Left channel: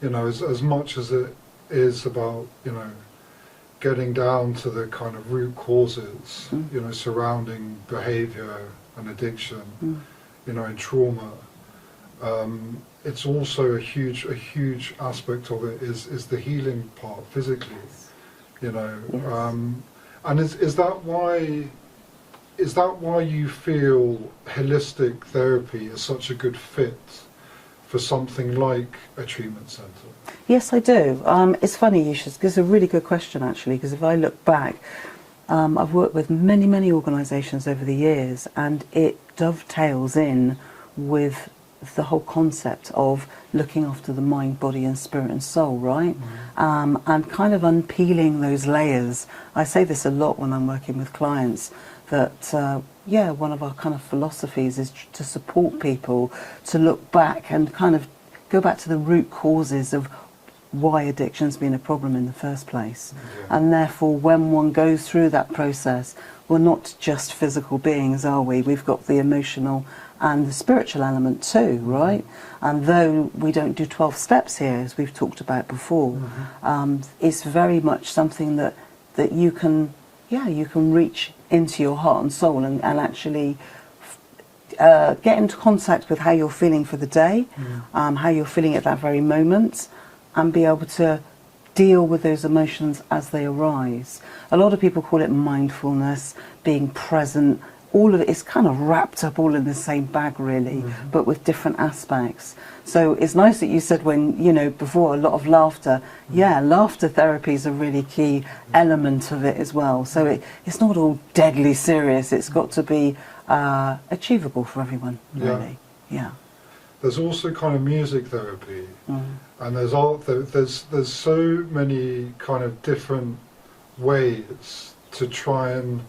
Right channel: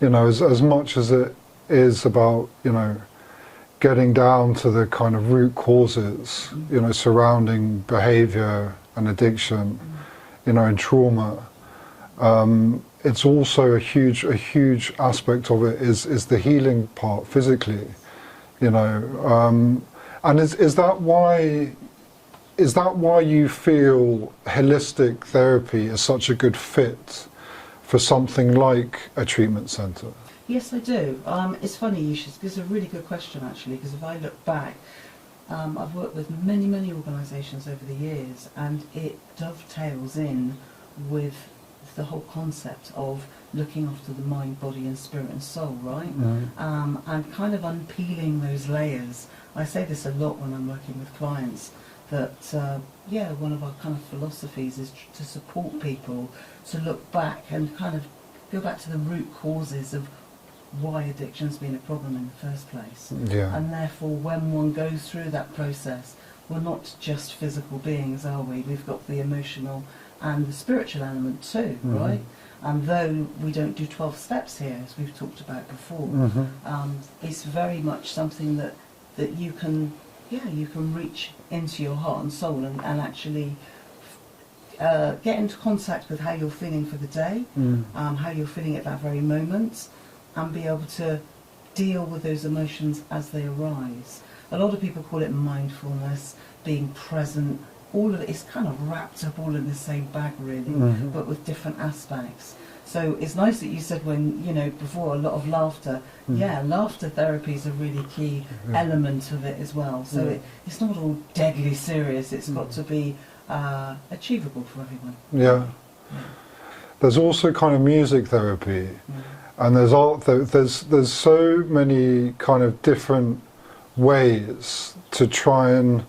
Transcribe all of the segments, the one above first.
You know, as much as it is about, you know, getting down to the kind of root causes, you know, surrounding behavior and addiction, you know, and trauma. It's also a huge aspect of it is the healing part physically, you know. And is that why you feel holistic therapy is such a good fit for something like a treatment centre? Yes, I do. It's funny you should, because it's a really good question actually, because if I look back, I've worked with many organisations over the years, and it dovetails in with the whole concept of looking after the mind, body and spirit and soul, right? And kind of unpeeling those layers. I say this a lot when I'm working with clients, that yeah, one of our kind of philosophies is to support people to look back and kind of go back to the root causes of why addiction's been a problem in the first place. And therefore when one goes through that process, we're not just physical beings, are we? We've got the emotional and the spiritual element too, right? And though we don't do 12 steps here, as we've talked about before, it's very much something that you can, yeah, you can reach into your heart and soul and actually get into contact with how you're feeling for the day, how you're feeling at that very moment, and be able to deal with those emotions as they arise. A lot of people call it mindfulness, being present. All of it is kind of wrapped up all in the same bag really, but with different aspects. So it's nice that you said, when, you know, before, a lot of laughter. Yeah, laughter therapy is a really key element of it as well. So it's not all deadly serious. It's got to be achievable for everyone, really. Yeah. There's also kind of music therapy, and there's so many kind of different ways to try and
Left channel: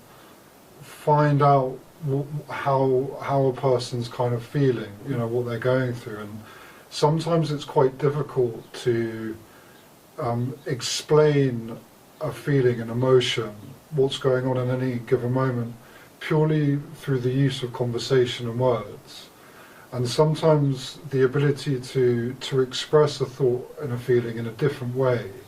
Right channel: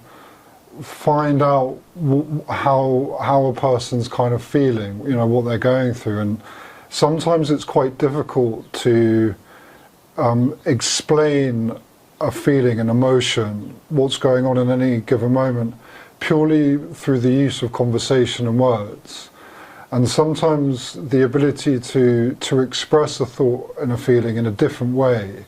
find out how a person's kind of feeling, you know, what they're going through. And sometimes it's quite difficult to explain a feeling, an emotion, what's going on in any given moment, purely through the use of conversation and words. And sometimes the ability to express a thought and a feeling in a different way,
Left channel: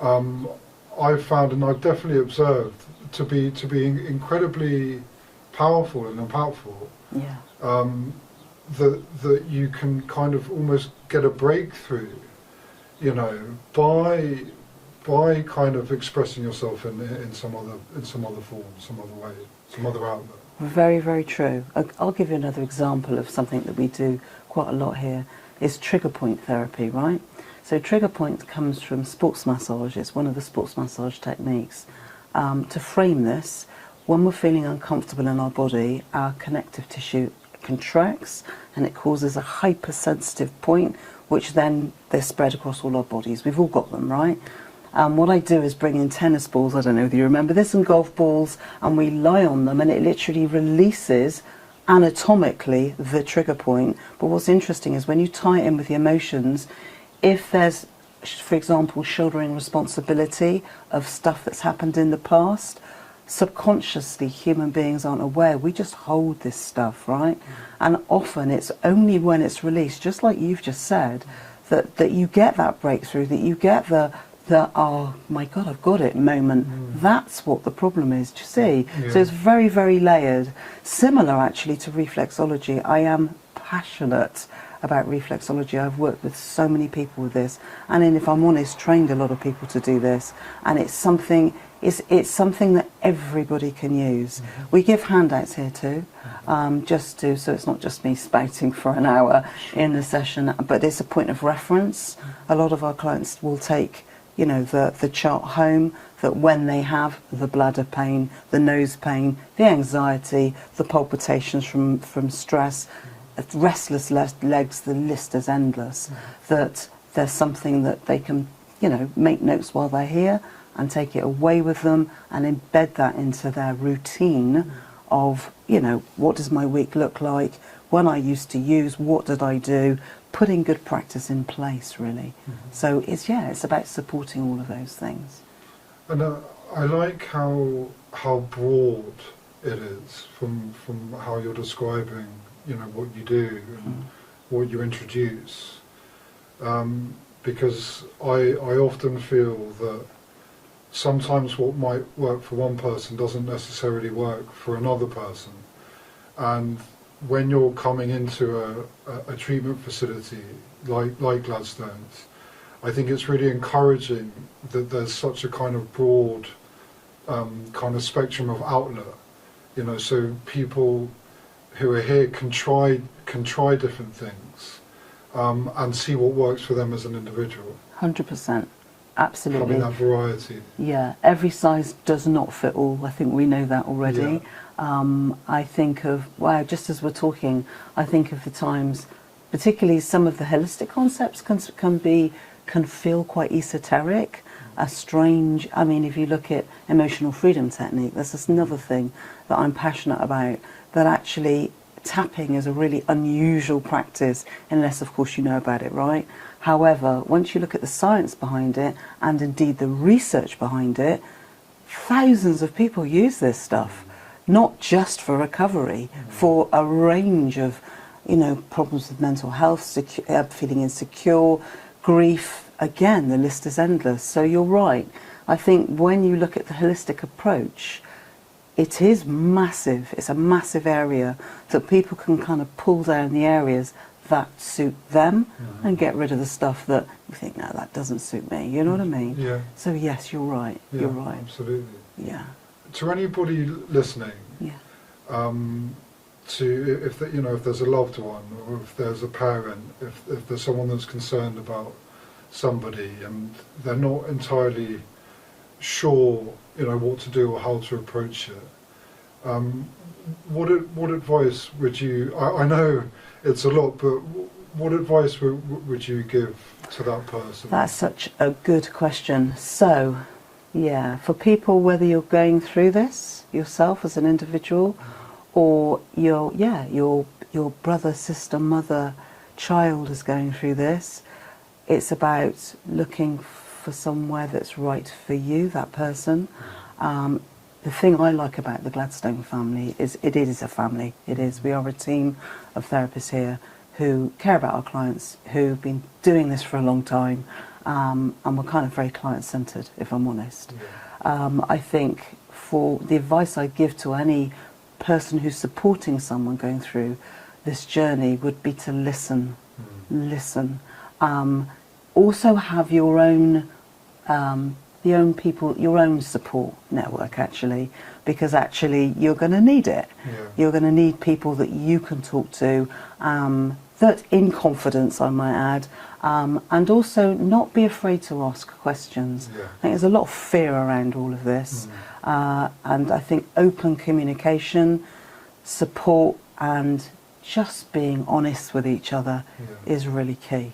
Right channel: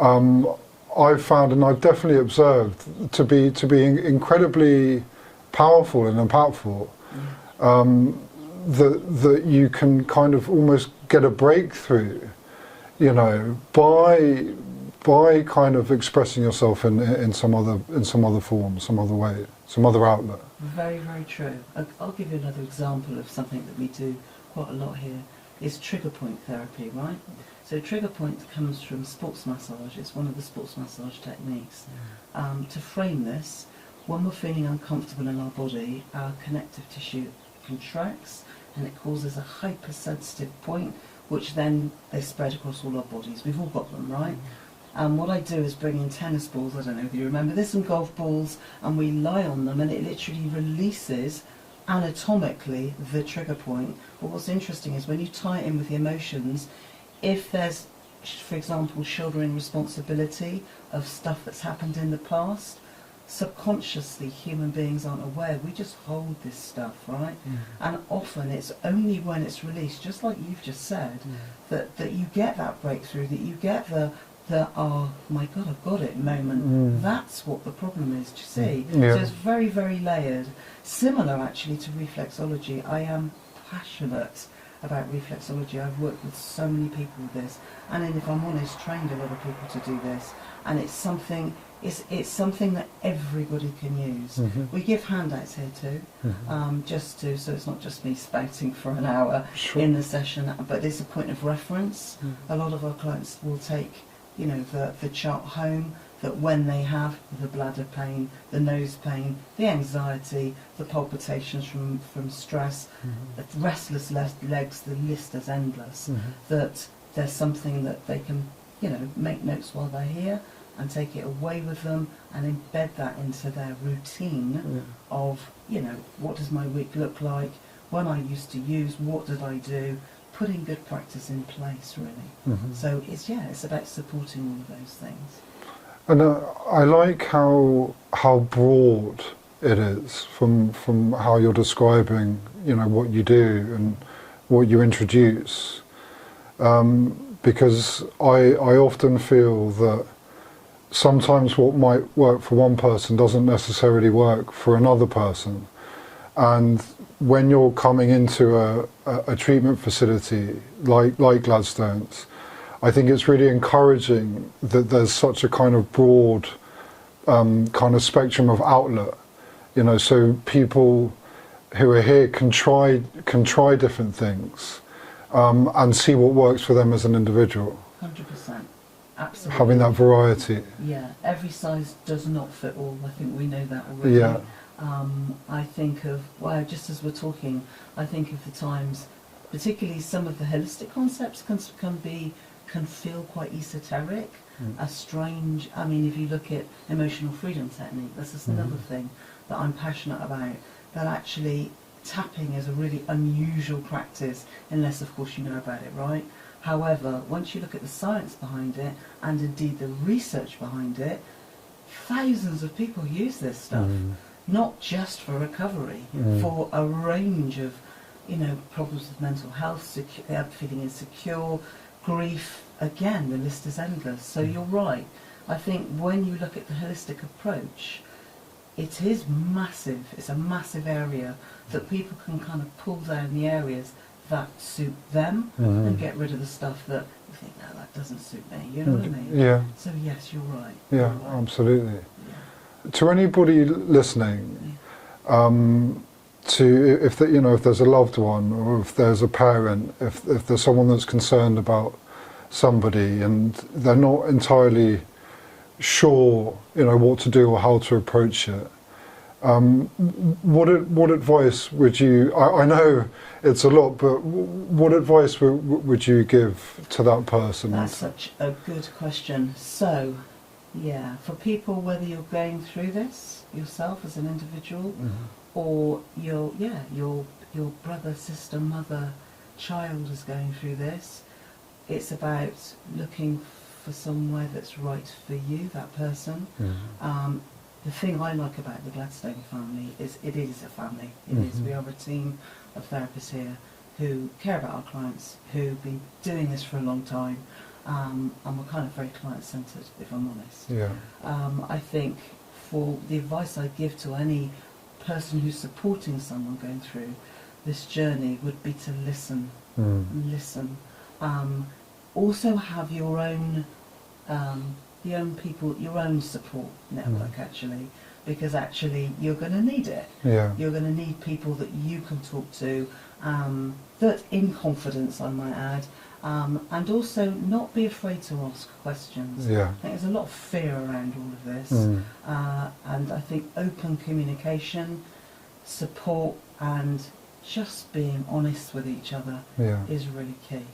I've found, and I've definitely observed, to be incredibly powerful and impactful. That you can kind of almost get a breakthrough, you know, by kind of expressing yourself in some other form, some other way, some other outlet. Very, very true. I'll give you another example of something that we do quite a lot here. Is trigger point therapy, right? So trigger point comes from sports massage. It's one of the sports massage techniques. To frame this, when we're feeling uncomfortable in our body, our connective tissue contracts and it causes a hypersensitive point, which then they're spread across all our bodies. We've all got them, right? What I do is bring in tennis balls, I don't know if you remember this, and golf balls, and we lie on them, and it literally releases anatomically the trigger point. But what's interesting is when you tie it in with the emotions, if there's, for example, shouldering responsibility of stuff that's happened in the past, subconsciously human beings aren't aware. We just hold this stuff, right? And often it's only when it's released, just like you've just said, that you get that breakthrough, that you get the oh my God, I've got it moment. That's what the problem is, do you see? So it's very, very layered. Similar actually to reflexology. I am passionate about reflexology. I've worked with so many people with this, and then, if I'm honest, trained a lot of people to do this, and it's something that everybody can use. We give handouts here too, so it's not just me spouting for an hour in the session, but there's a point of reference. A lot of our clients will take, you know, the chart home, that when they have the bladder pain, the nose pain, the anxiety, the palpitations from stress, restless legs, the list is endless, that there's something that they can, you know, make notes while they're here and take it away with them and embed that into their routine of, you know, what does my week look like, when I used to use, what did I do, putting good practice in place, really. So it's about supporting all of those things. And I like how broad it is from how you're describing, you know, what you do and what you introduce, because I often feel that sometimes what might work for one person doesn't necessarily work for another person. And when you're coming into a treatment facility like Gladstones, I think it's really encouraging that there's such a kind of broad kind of spectrum of outlet, you know, so people who are here can try different things and see what works for them as an individual. 100%. Absolutely. Having that variety. Yeah, every size does not fit all. I think we know that already. Yeah. I think of, well, just as we're talking, I think of the times, particularly some of the holistic concepts can feel quite esoteric, a strange, I mean, if you look at emotional freedom technique, that's just another thing that I'm passionate about, that actually tapping is a really unusual practice, unless of course you know about it, right? However, once you look at the science behind it, and indeed the research behind it, thousands of people use this stuff, not just for recovery, for a range of, you know, problems with mental health, feeling insecure, grief. Again, the list is endless. So you're right. I think when you look at the holistic approach, it is massive. It's a massive area that people can kind of pull down the areas that suit them and get rid of the stuff that you think, no, that doesn't suit me. You know what I mean? Yeah. So yes, you're right. Yeah, you're right. absolutely. Yeah. To anybody listening, Yeah. to if you know, if there's a loved one or if there's a parent, if there's someone that's concerned about somebody and they're not entirely sure, you know, what to do or how to approach it, what advice would you? I know it's a lot, but what advice would you give to that person? That's such a good question. So, yeah, for people, whether you're going through this yourself as an individual, or your brother, sister, mother, child is going through this, it's about looking for somewhere that's right for you, that person. The thing I like about the Gladstone family is it is a family. It is. We are a team of therapists here who care about our clients, who've been doing this for a long time, and we're kind of very client-centred, if I'm honest. Yeah. I think for the advice I give to any person who's supporting someone going through this journey would be to listen. Listen. Also have your own your own support network, actually, because actually you're going to need it. Yeah. You're going to need people that you can talk to, that in confidence, I might add, and also not be afraid to ask questions. Yeah. I think there's a lot of fear around all of this, and I think open communication, support, and just being honest with each other is really key.